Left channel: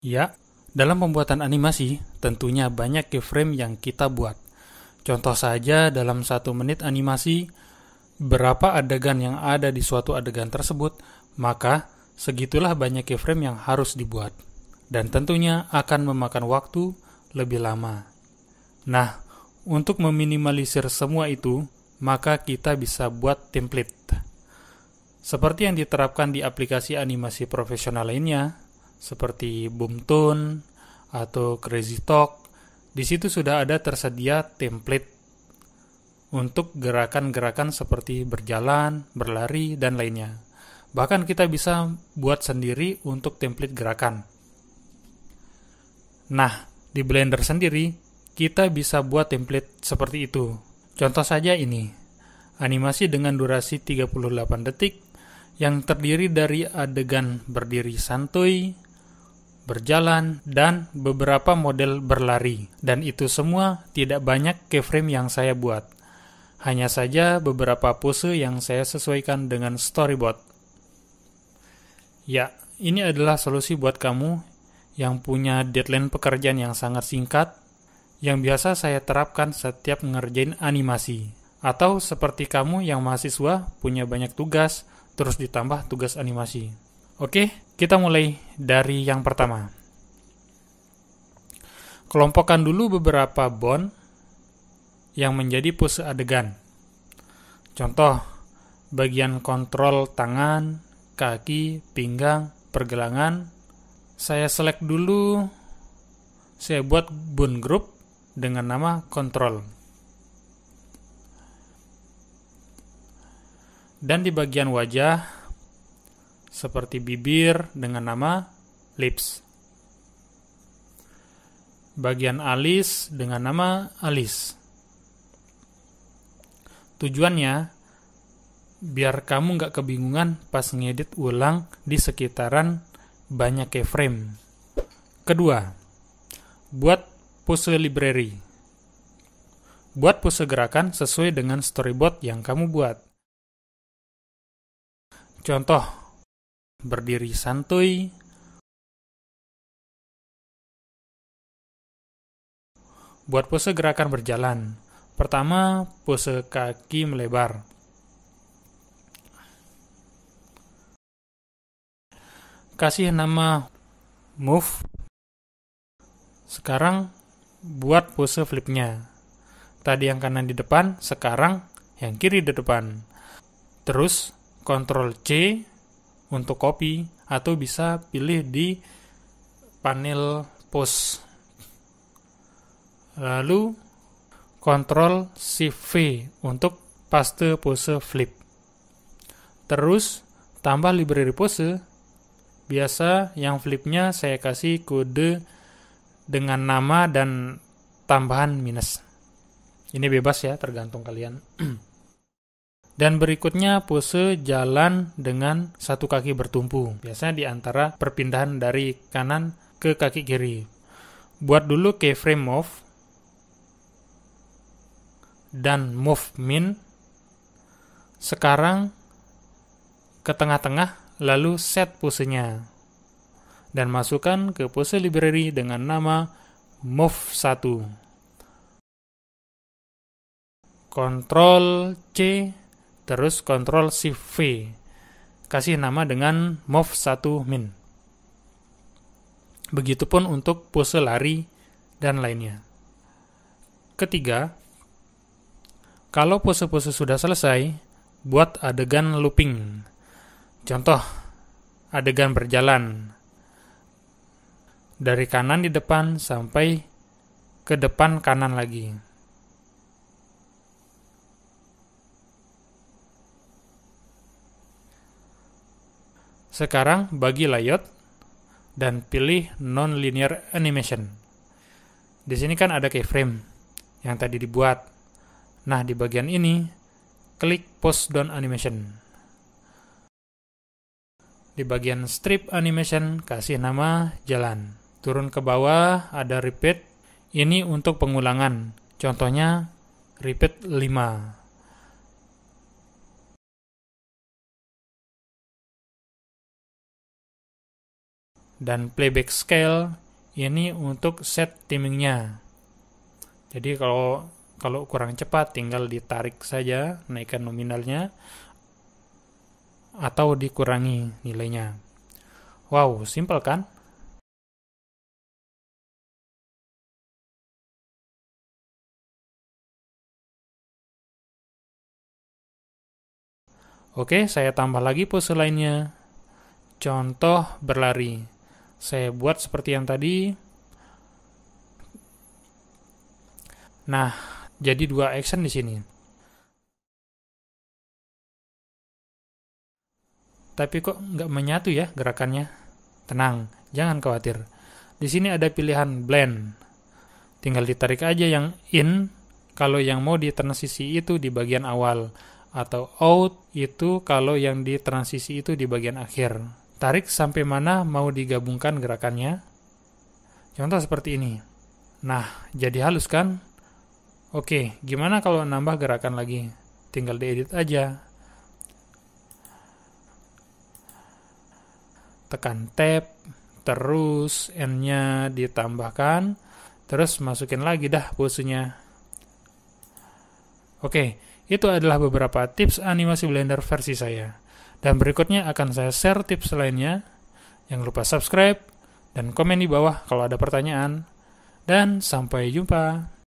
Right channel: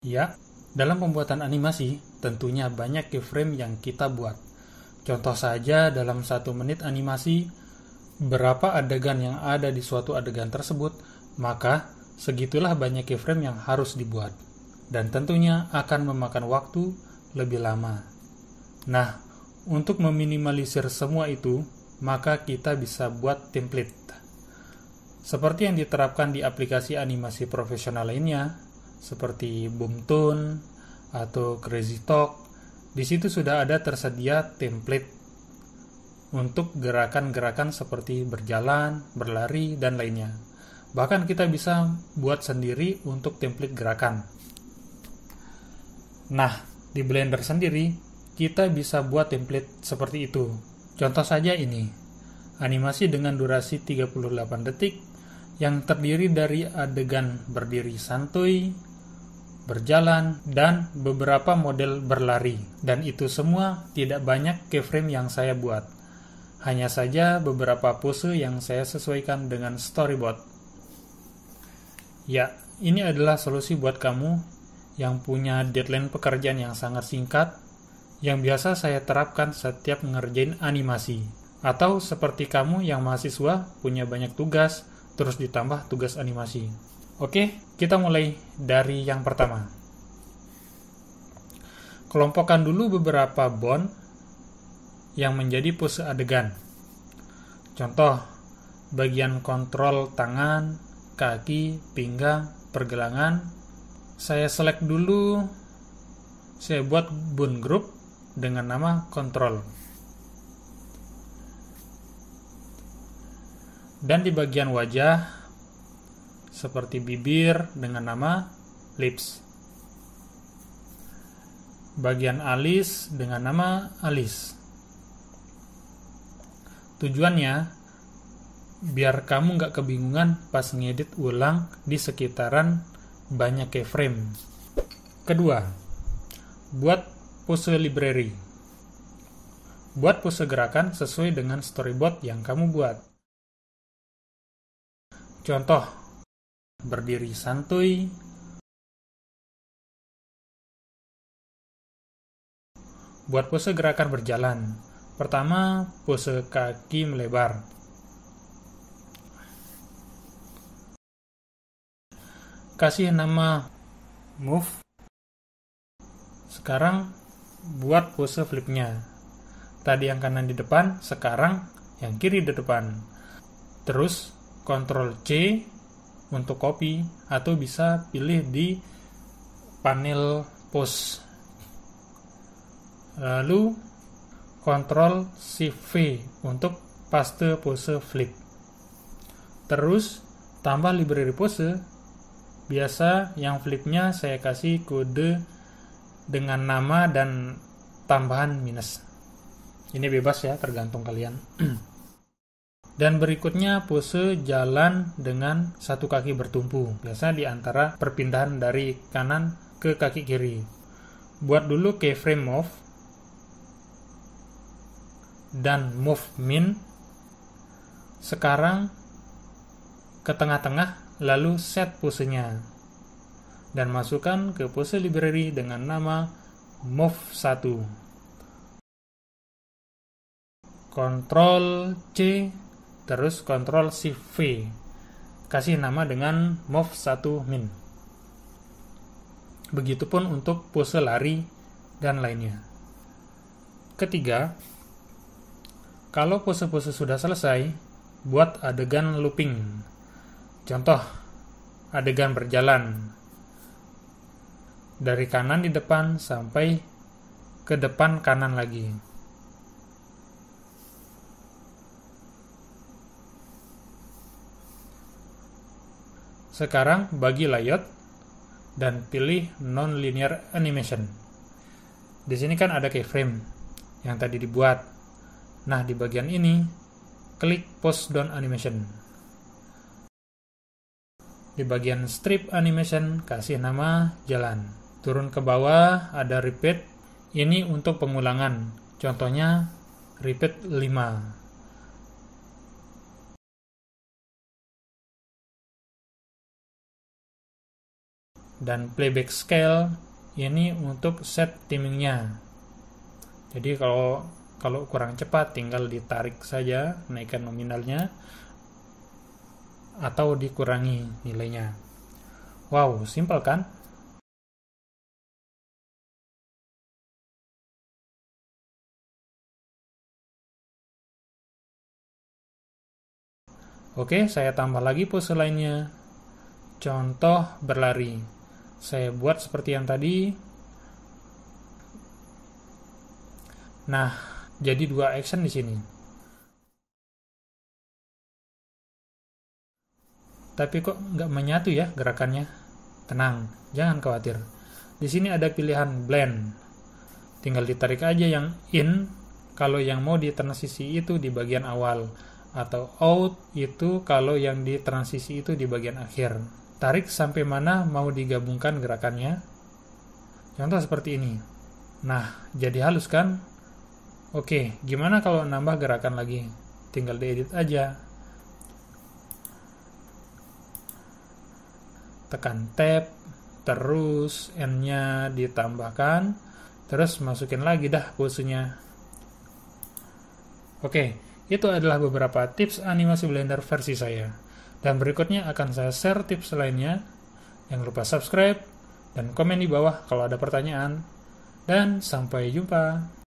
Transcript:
Ya, dalam pembuatan animasi, tentunya banyak keyframe yang kita buat. Contoh saja dalam 1 menit animasi, berapa adegan yang ada di suatu adegan tersebut, maka segitulah banyak keyframe yang harus dibuat. Dan tentunya akan memakan waktu lebih lama. Nah, untuk meminimalisir semua itu, maka kita bisa buat template. Seperti yang diterapkan di aplikasi animasi profesional lainnya, seperti Boomtoon atau Crazy Talk, di situ sudah ada tersedia template untuk gerakan-gerakan seperti berjalan, berlari, dan lainnya. Bahkan kita bisa buat sendiri untuk template gerakan. Nah, di Blender sendiri, kita bisa buat template seperti itu. Contoh saja ini, animasi dengan durasi 38 detik yang terdiri dari adegan berdiri santuy, berjalan, dan beberapa model berlari. Dan itu semua tidak banyak keyframe yang saya buat. Hanya saja beberapa pose yang saya sesuaikan dengan storyboard. Ya, ini adalah solusi buat kamu yang punya deadline pekerjaan yang sangat singkat, yang biasa saya terapkan setiap ngerjain animasi. Atau seperti kamu yang mahasiswa punya banyak tugas, terus ditambah tugas animasi. Oke, kita mulai dari yang pertama. Kelompokkan dulu beberapa bond yang menjadi pose adegan. Contoh, bagian kontrol tangan, kaki, pinggang, pergelangan. Saya select dulu, saya buat bone group dengan nama control. Dan di bagian wajah, seperti bibir dengan nama lips. Bagian alis dengan nama alis. Tujuannya, biar kamu nggak kebingungan pas ngedit ulang di sekitaran banyak keyframe. Kedua, buat pose library. Buat pose gerakan sesuai dengan storyboard yang kamu buat. Contoh, berdiri santuy, buat pose gerakan berjalan. Pertama, pose kaki melebar. Kasih nama move. Sekarang, buat pose flipnya. Tadi yang kanan di depan, sekarang yang kiri di depan. Terus, Ctrl C untuk copy, atau bisa pilih di panel pose. Lalu Ctrl Shift V untuk paste pose flip. Terus tambah library pose. Biasa yang flipnya saya kasih kode dengan nama dan tambahan minus. Ini bebas ya, tergantung kalian. Dan berikutnya pose jalan dengan satu kaki bertumpu. Biasa di antara perpindahan dari kanan ke kaki kiri. Buat dulu keyframe move dan move min. Sekarang ke tengah-tengah, lalu set posenya. Dan masukkan ke pose library dengan nama move 1. Ctrl C, terus Ctrl Shift V. Kasih nama dengan move 1 min. Begitupun untuk pose lari dan lainnya. Ketiga, kalau pose-pose sudah selesai, buat adegan looping. Contoh, adegan berjalan. Dari kanan di depan sampai ke depan kanan lagi. Sekarang bagi layout dan pilih non-linear animation. Di sini kan ada keyframe yang tadi dibuat. Nah, di bagian ini klik pause down animation. Di bagian strip animation kasih nama jalan. Turun ke bawah ada repeat. Ini untuk pengulangan. Contohnya repeat 5. Dan playback scale ini untuk set timingnya. Jadi kalau kurang cepat tinggal ditarik saja, naikkan nominalnya atau dikurangi nilainya. Wow, simpel kan? Oke, saya tambah lagi pose lainnya. Contoh berlari. Saya buat seperti yang tadi. Nah, jadi 2 action di sini. Tapi kok nggak menyatu ya gerakannya? Tenang, jangan khawatir. Di sini ada pilihan blend. Tinggal ditarik aja yang in kalau yang mau ditransisi itu di bagian awal, atau out itu kalau yang ditransisi itu di bagian akhir. Tarik sampai mana mau digabungkan gerakannya. Contoh seperti ini. Nah, jadi halus kan? Oke, gimana kalau nambah gerakan lagi? Tinggal diedit aja. Tekan tab, terus N-nya ditambahkan, terus masukin lagi dah posenya. Oke, itu adalah beberapa tips animasi Blender versi saya. Dan berikutnya akan saya share tips lainnya. Jangan lupa subscribe dan komen di bawah kalau ada pertanyaan. Dan sampai jumpa.